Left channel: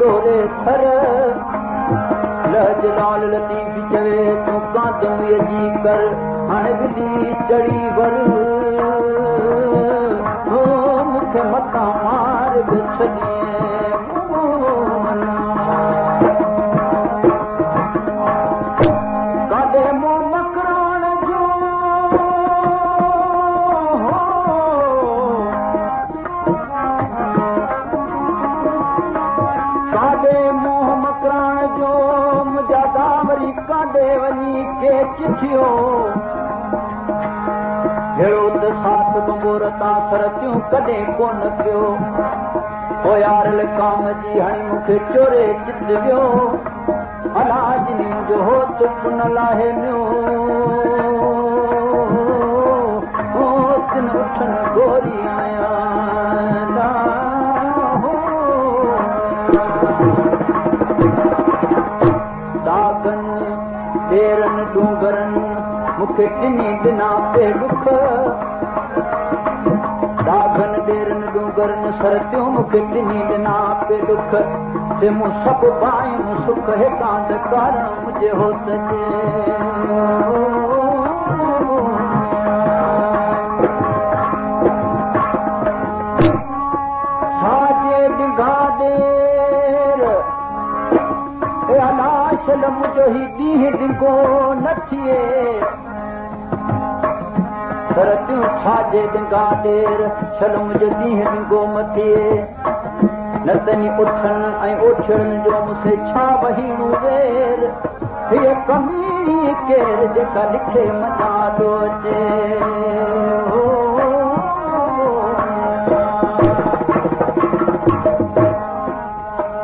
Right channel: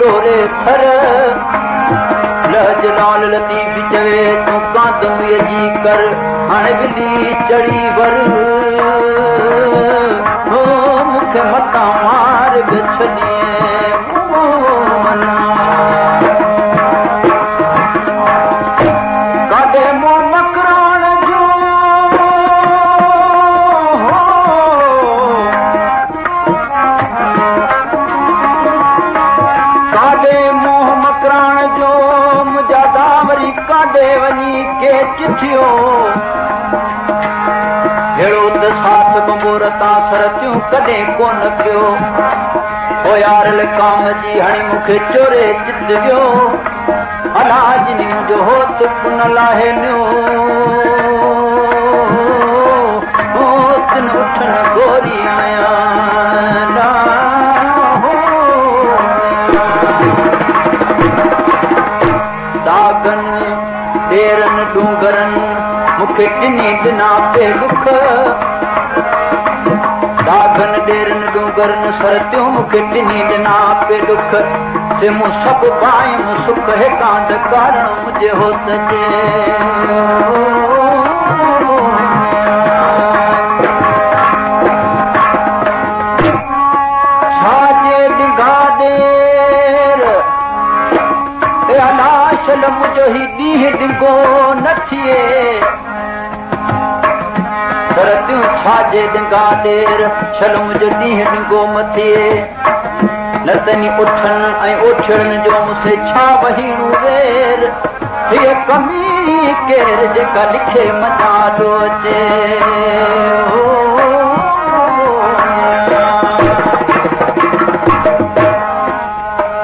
डोरे थर लहज लाल लतीफ चवे तू कांदम यजी कर हण बिली चढ़ी वर हो मुखे मता मार छॾिए काॾे मो मकराण जो वञी के चिठियो हेड़ो त साथ बंबोर तां सरतियूं कॾहिं कोन पियो हो यार काम जी हाणे मूंखे चोरे चित वियो अलाज जो हो तुक न लाहे हो तिन उठन गोरी आया डूंगरन मूंखे टिनी ॾिना पे दुख दागन ॾेरन डूंगरन सरतियूं मूंखे टिनी ॾिना पे दुख से मूं सभु पायूं सुख हितां ॾकारण मुंहिंजे हो सजे छाजे डिघा ॾेर अलाशल मुंहिंजो ही ॾींहुं डिघो न थिए सरतियूं छाजे डिघा ॾेर छल मुंहिंजो ॾींहुं डिघो म थिए न तनी उठनि ऐं ओठड़नि जो मूंखे छा वहीणू वेर हीअ कमी केर जेका लिखे मञा थो अचे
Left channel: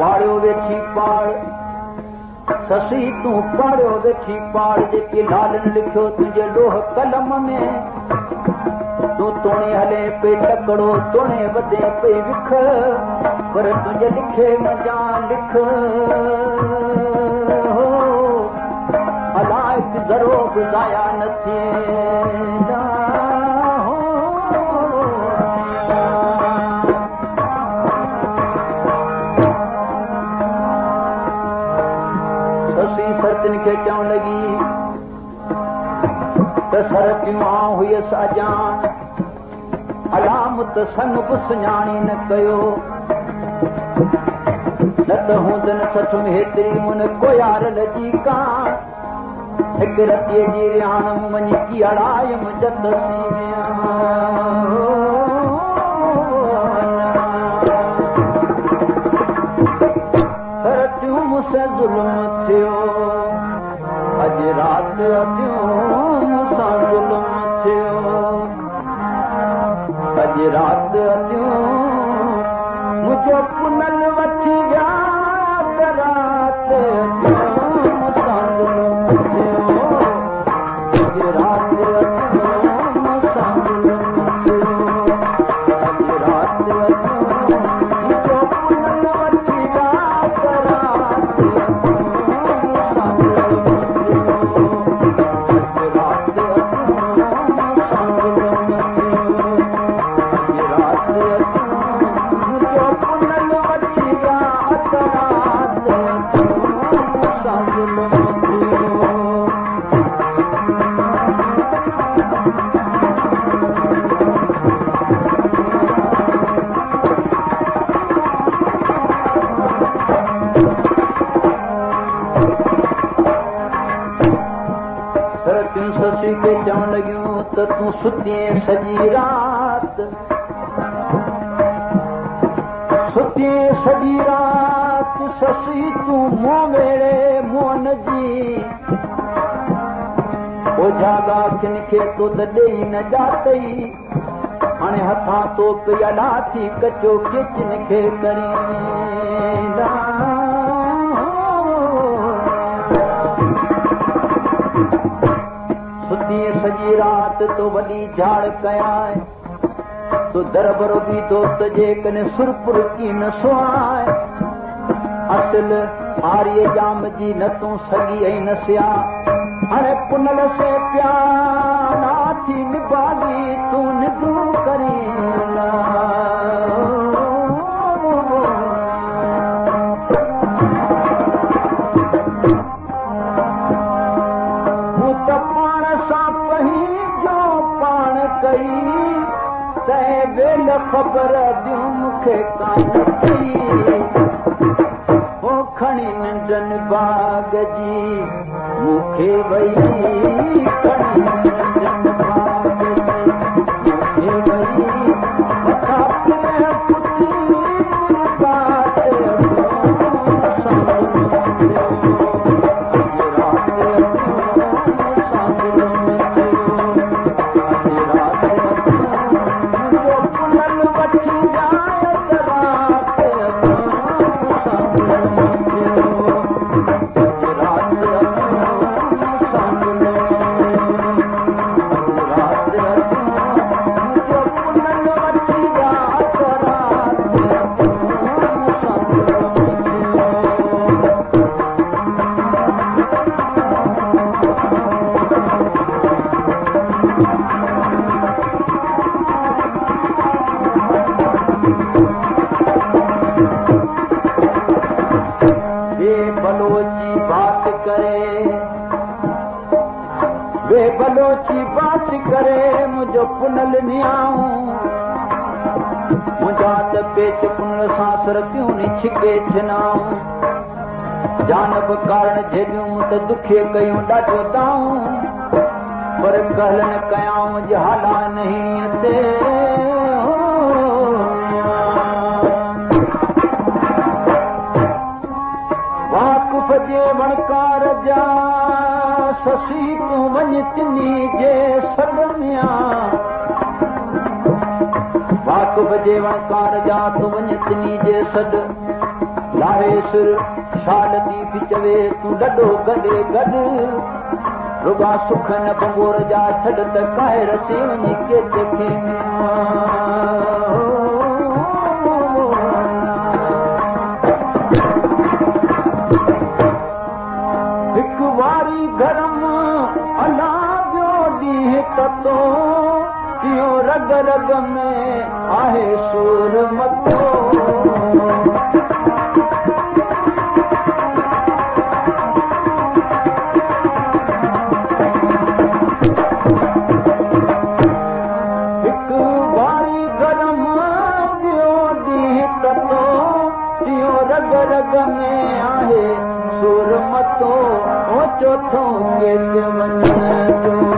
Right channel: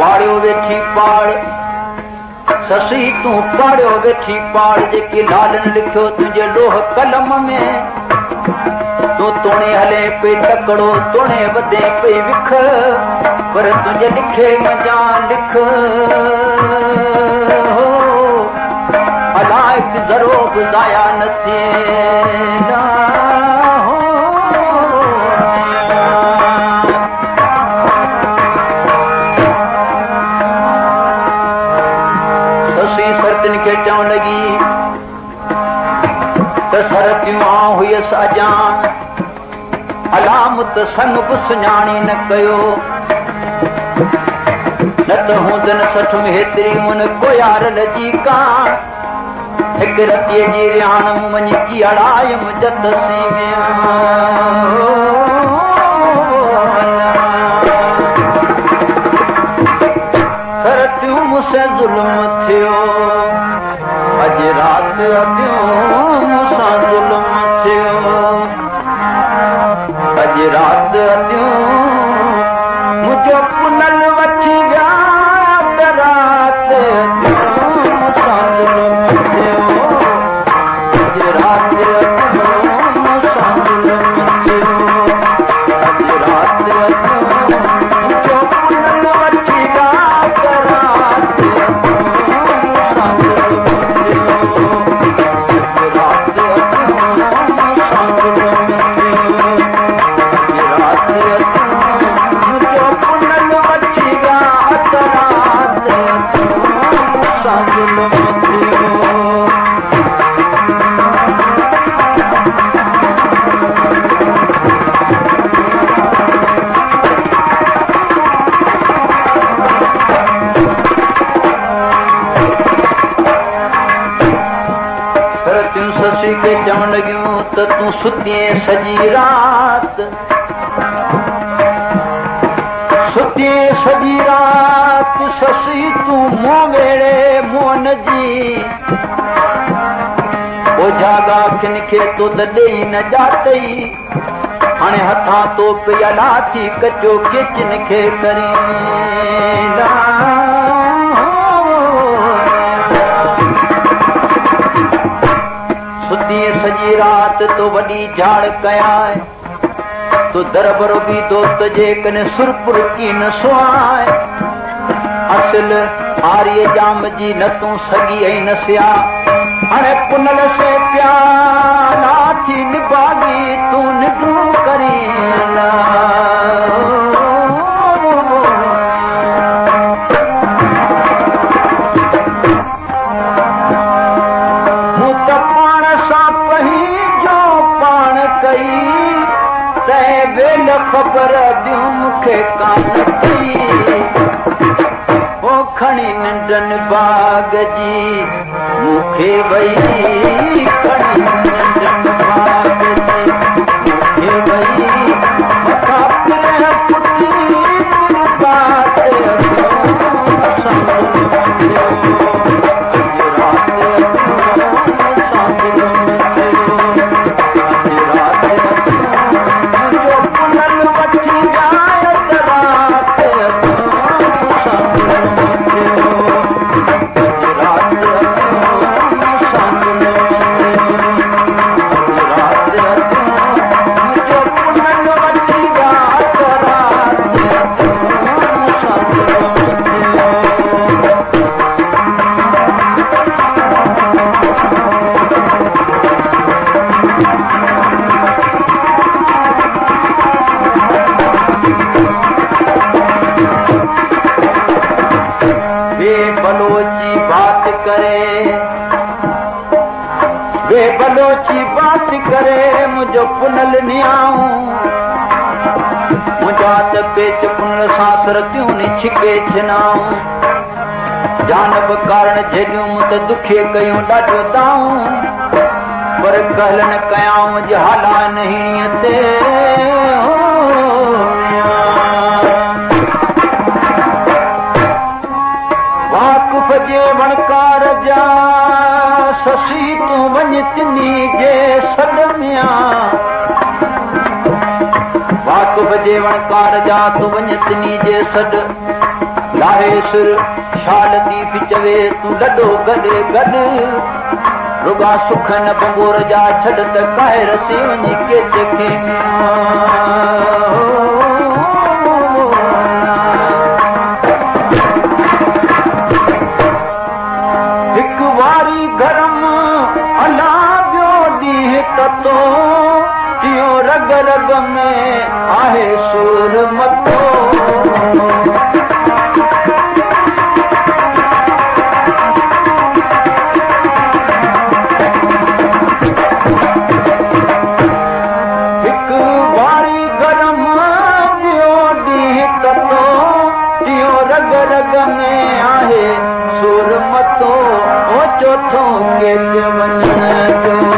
पाड़ियो वेठी पाड़ ससी तूं पाड़ियो वेठी पाड़ जेके लालनि लिखियो तुंहिंजे लोह कलम में तूं तोणे हले पई तकड़ो तोणे वधे पई विख पर तुंहिंजे लिखे मञा लिख अलाइक ज़रो बि ज़ाया न थिए खे चवण लॻी त सरतियूं हुयसि अजान अलामत सन बि सुञाणी न कयो न त हूंदनि सठ में हेतिरी मुन कोयारल जी कान हिकु रतीअ जी रिहाण वञी की अड़ायमि जत सरतियूं मूंसे ज़ुल्म थियो अॼु राति मूंसां ज़ुल्म थियो अॼु राति मुंहिंजो पुनल वठी विया त राति मूंसां ज़ुल्म थियो अॼु राति मूंसां ज़ुल्म थियो अॼु राति मुंहिंजो पुनल वठी विया त राति मूंसां ज़ुल्म सुतिए सजी रात सुतिए सजी रात ससी तू मों वेड़े मोन जी ओ जागा किन खे तो ॾेई न ॼातई हाणे हथां तो पिया लाथी कचो किचन खे करींदा सुतिए सजी रात तो वॾी झाड़ कयां तो दरबर भी दोस्त जे कने सुरपुर की न सुआए असल आर्य जाम जी न तू सगी ऐं न सिया हाणे पुनल से प्याला थी निभागी तू निडू करीना मूं त पाण सां पही जो पाण कई तंहिं वेल ख़बर ॾियूं मूंखे कान थी ओ खणी नंढनि बाग जी मूंखे वई खणी नंढनि बाग जी मूंखे वई मथां पिण पुटी बात बलोची बात करे मुझो पुनल नियाऊं मुझा त पेच पुनल सां सरतियूं नि छिके छिनाऊं जानब कारण झेलियूं त दुखे कयूं ॾाढो दाऊं पर कहल न कयाऊं जे हाला नहीं ते वाकुफ़ जे वणकार जा ससी तू वञ तिनी जे सॾ में वाकुफ़ जे वणकार जा तू वञ तिनी जे सॾ लाहे सिर शाल थी चवे तू ॾढो गॾे गॾु रुगा सुख न बंगोर जा छॾ त काहे रसी वञी केच खे हिकु वारी गरम अला ॿियो ॾींहुं ततो इहो रग रग में आहे सूर मतो चौथो केच वञण जो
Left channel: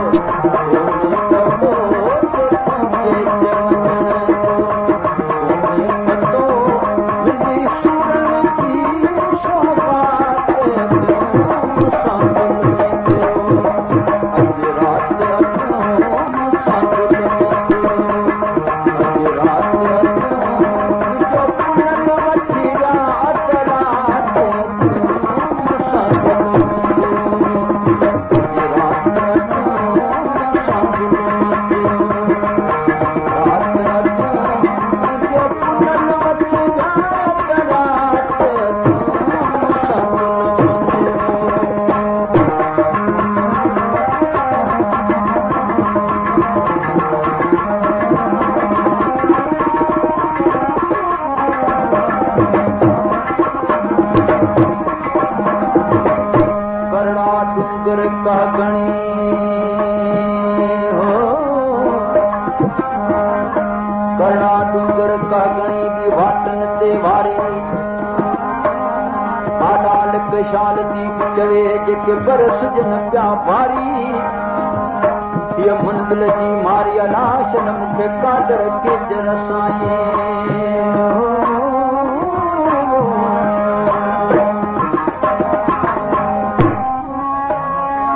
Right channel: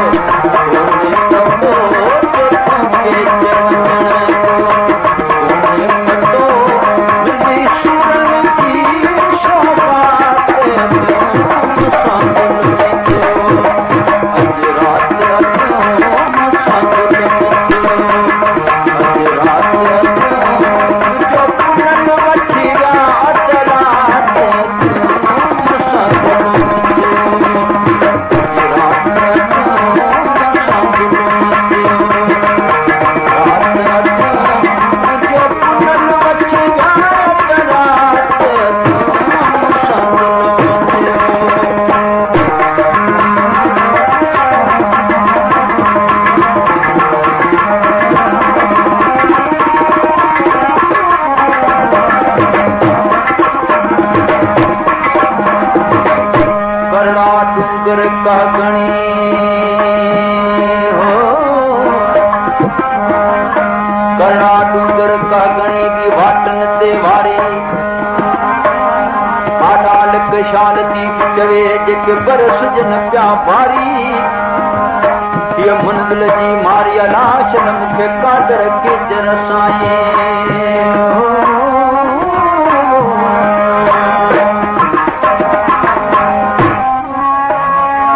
ये मुंदिल जी मारिया लाश न मूंखे कादर केजर साईं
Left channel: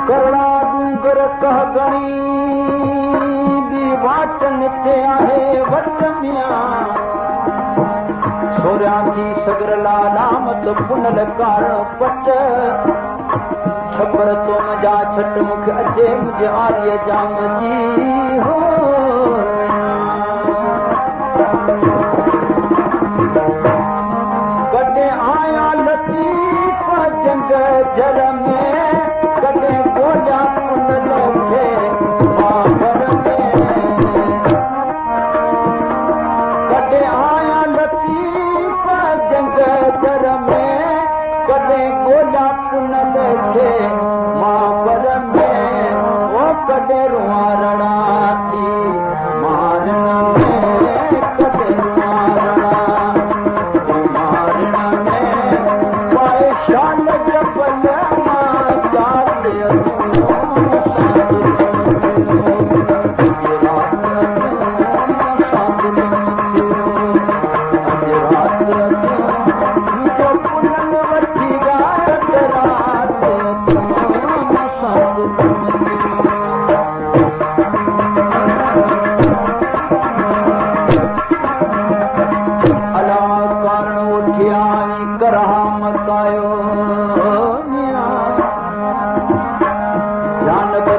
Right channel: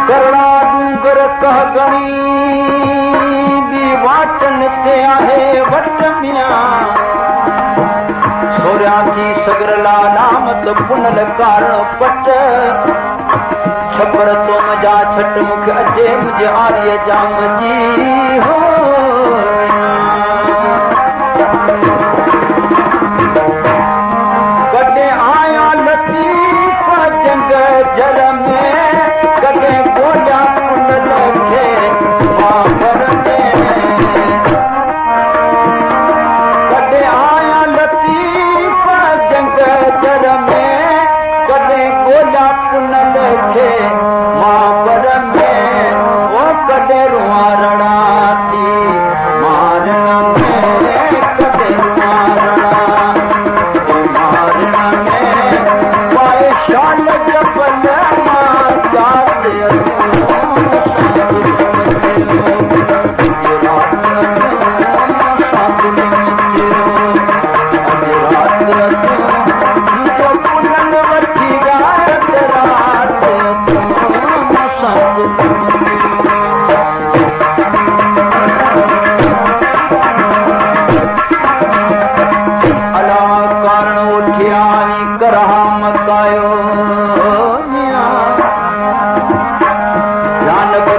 करणा डूंगर कह गणी बि वाटन ते आहे वट मिया सोरिया थी सगरला नामत पुनल कार पट छपर तो मजा छट मुख अचे मुझे आर्य जाम जी हो कॾहिं आया लतीफ़ जंग जर में कॾहिं ॻोल्हिया पुनल खे मापर में कॾहिं आया लतीफ़ जंग जर में कॾहिं ॻोल्हिया पुनल खे मापर में ओ कॾहिं रुआरणा थी मारण में कॾहिं रुआरणा मारण में पाए शाल जबल मां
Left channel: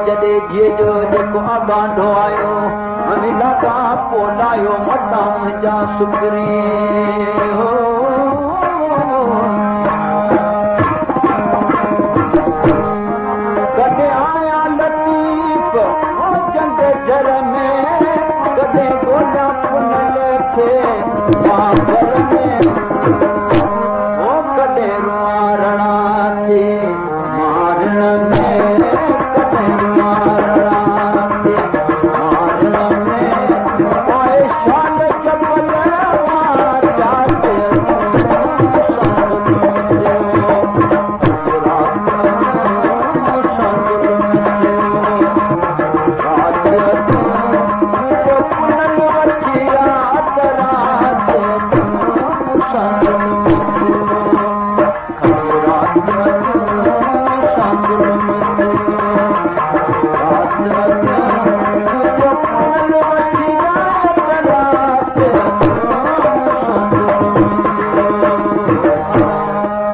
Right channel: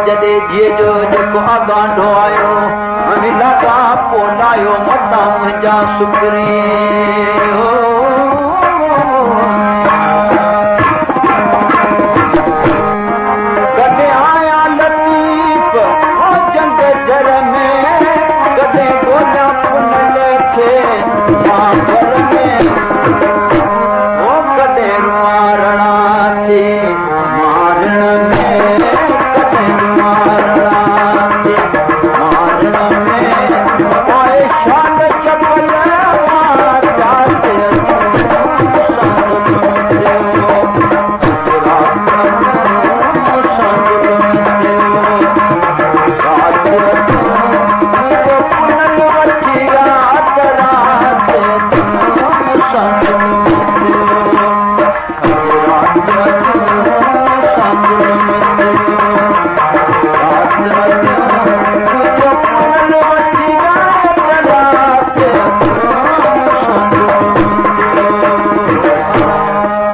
याद जो जेको आगांडो आयो लाॻा पोइ लायो मता मुंहिंजा सुखरी